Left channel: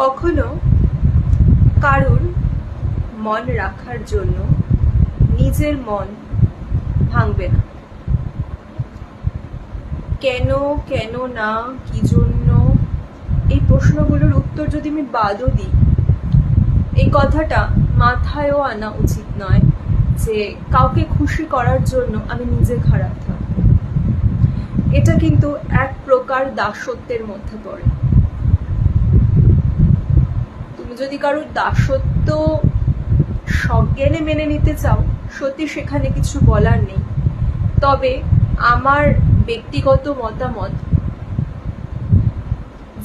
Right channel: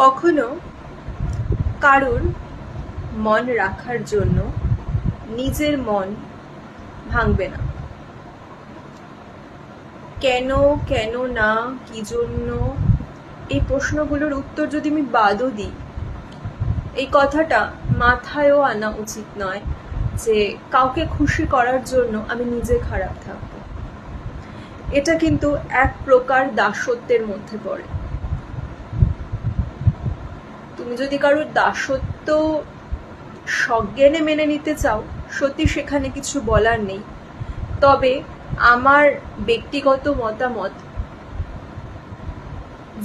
কখনো কারুর মন রাখার জন্য নিজের মন ভাঙবে না। কেন কেন না, কি জন্য, এই প্রশ্নগুলোর উত্তর যদি আমি বাদও দিই, এই কথাটা মাথায়ও আনা উচিত নয় যে কাউকে খুশি করার জন্য আমি নিজে খারাপ থাকবো। এটা কিন্তু এক প্রকার দাসত্বের মধ্যে পড়ে। তুমি যদি কারোর দাসত্ব সজ্ঞানে মেনে নিতে চাও, সত্যি সেখানে কিছু বলার নেই। তবে আমার ব্যক্তিগত মতামত,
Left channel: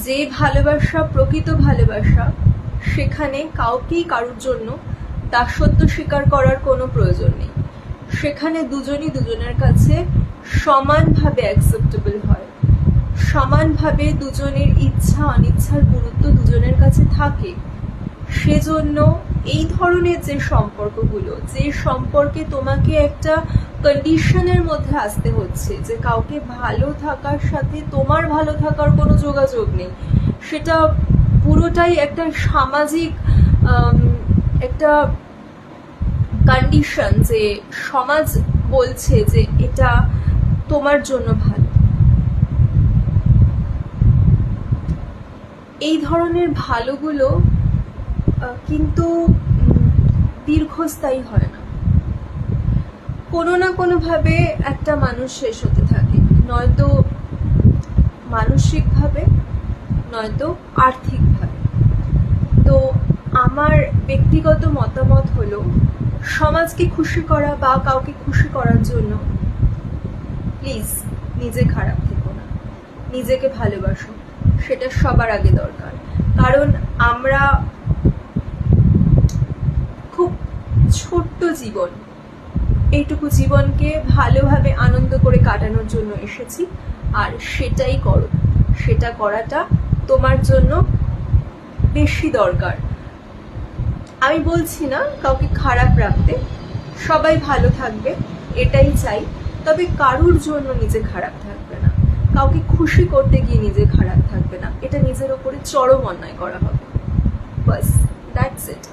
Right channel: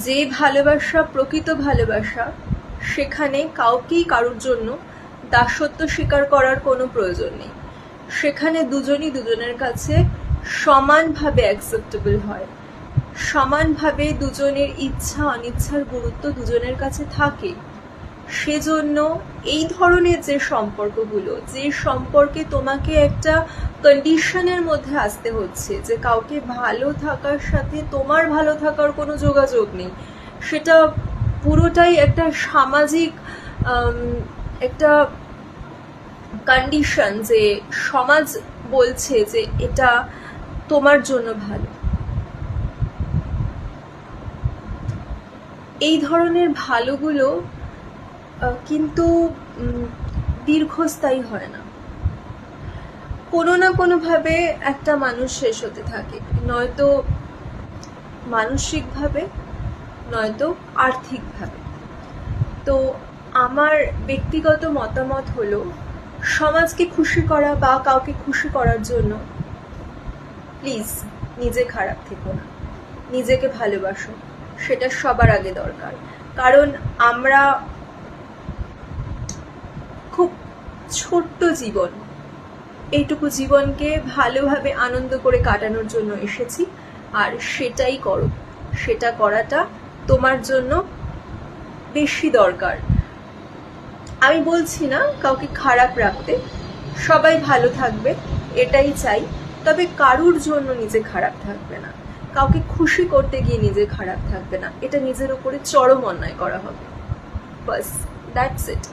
যে ভালোবাসা প্রকৃত ভালোবাসা, সেখানে কাউকেই কারোর জন্য দাসত্ব স্বীকার করার কোনো প্রয়োজন নেই। সেখানে দুজনই দুজনের কাছে সমানভাবে অ্যাকসেপ্টেবল হয়, সমানভাবে দুজনের ইচ্ছা অনিচ্ছার গুরুত্ব দুজনের কাছে থাকে। সেজন্য এই ধরনের যে সম্পর্কগুলো, যে সম্পর্কে তোমাকে একটা কন্ডিশনের মধ্যে আসতে হচ্ছে যে কাউকে ভালো থাকার সাথে তোমার ভালো থাকার কোনো যোগাযোগ নেই, সেটা পুরোটাই একটা সামাজিক একটা কন্ডিশন, যে সমাজ বলছে যে এটা তোমার জন্য ভালো। এই ধরনের ভালোগুলো কিন্তু দীর্ঘস্থায়ী হয় না। কোনো না কোনোভাবে একটা মানুষ শেষ হতে থাকে, নয়তো মানসিকভাবে, নয়তো আর্থিকভাবে। তো আমার ব্যক্তিগত মতামত হলো, সমাজকে খুশি করা বা কাউকে খুশি করার জন্য প্লিজ নিজে খারাপ থেকো না, নিজেকে ভালোবাসো, সেটা সবার আগে দরকার। কারণ আমরা খুব ছোট্ট জীবন, এইটুকু জীবনকে ভালোভাবে আনন্দ করে কাটানোর জন্য এসেছি, আর সেটাই করো। সেটা করাটা তোমার জন্য বেশি দরকার। আমি বলছি না কাউকে খারাপ রাখতে, সবাই ভালো থাকবে এটাই চাই, তবে কারুর জন্য নিজে খারাপ থাকবে না, কাউকে খুশি করতে গিয়ে নিজে খারাপ থাকবে না, এটা নিজের উপরে চরম অন্যায় করা হবে। বাস, দ্যাটস ইট।